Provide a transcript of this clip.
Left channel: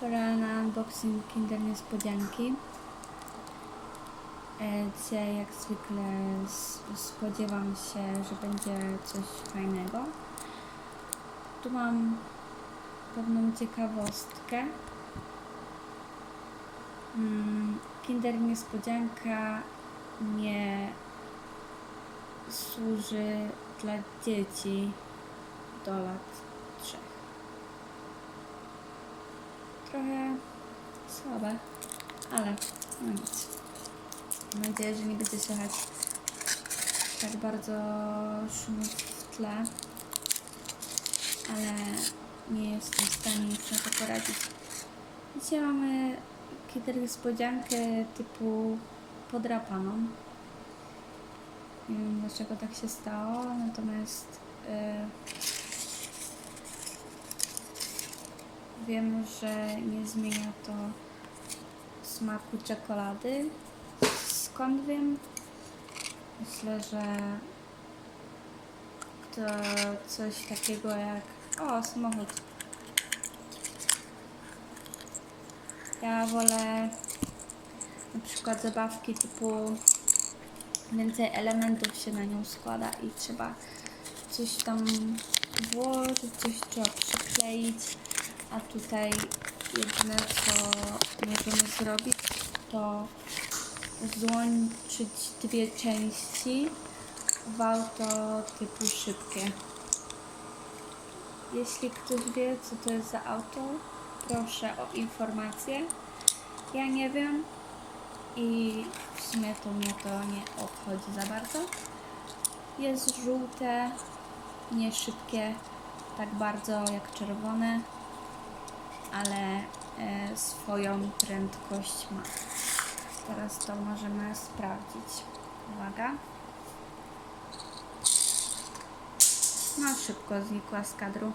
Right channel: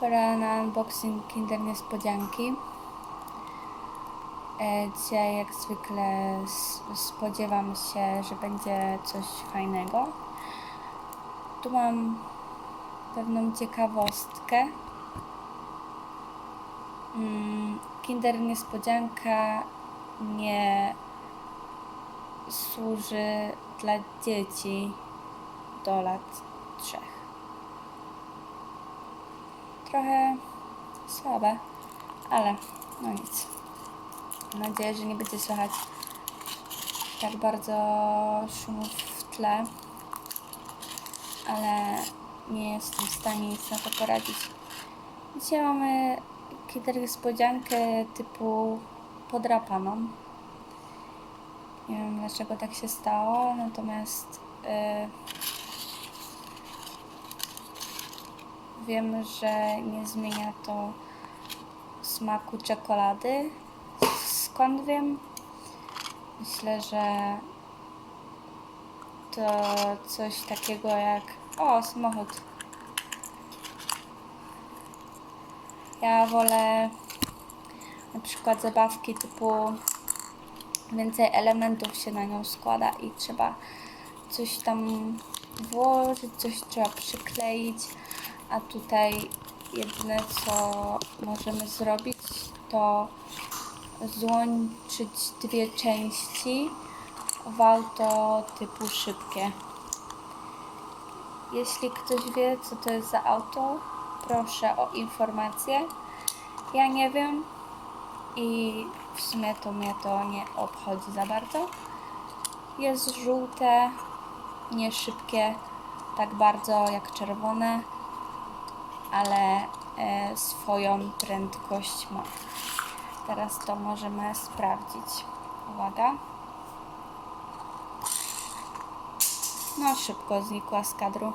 Pora na unboxing Kinder Niespodzianki. E, Dzisiaj jak zwykle spodziewam się, że będzie coś fajnego. Tu mam pewną ciekawostkę. Mm, Kinder Niespodzianka nie służy dla dzieci do lat trochę słabe, ale no nic. Mam nadzieję, że nie będzie słychać tak bardzo szumu w tle, ale nie jestem w stanie nic na to poradzić. Dzisiaj mamy kinder niespodziankę typu podrapaną. Nie wiem dlaczego tak się stało, natomiast yy, Wiem, że nie zmienia to smaku czekolady. Skąd wiem? Myślę, że to coś takiego jak. O, samochód. Ja wolę na przykład zabawki typu więcej elementów się na nią składa i trzeba coś tam włożyć, coś trzeba przykleić, a tutaj jedyne co możemy zrobić to złączyć dwie części w auto typu szybkie. Jeśli ktoś wie co to jest za auto, proszę o informację. Ja nie wiem i w sumie to mnie to nie obchodzi za bardzo. Jest żółte, nie szybkie tak bardzo jak czerwone, ale e, swoją prędkość ma. Teraz to możemy sprawdzić. Uwaga. No szybko znikła z kadru.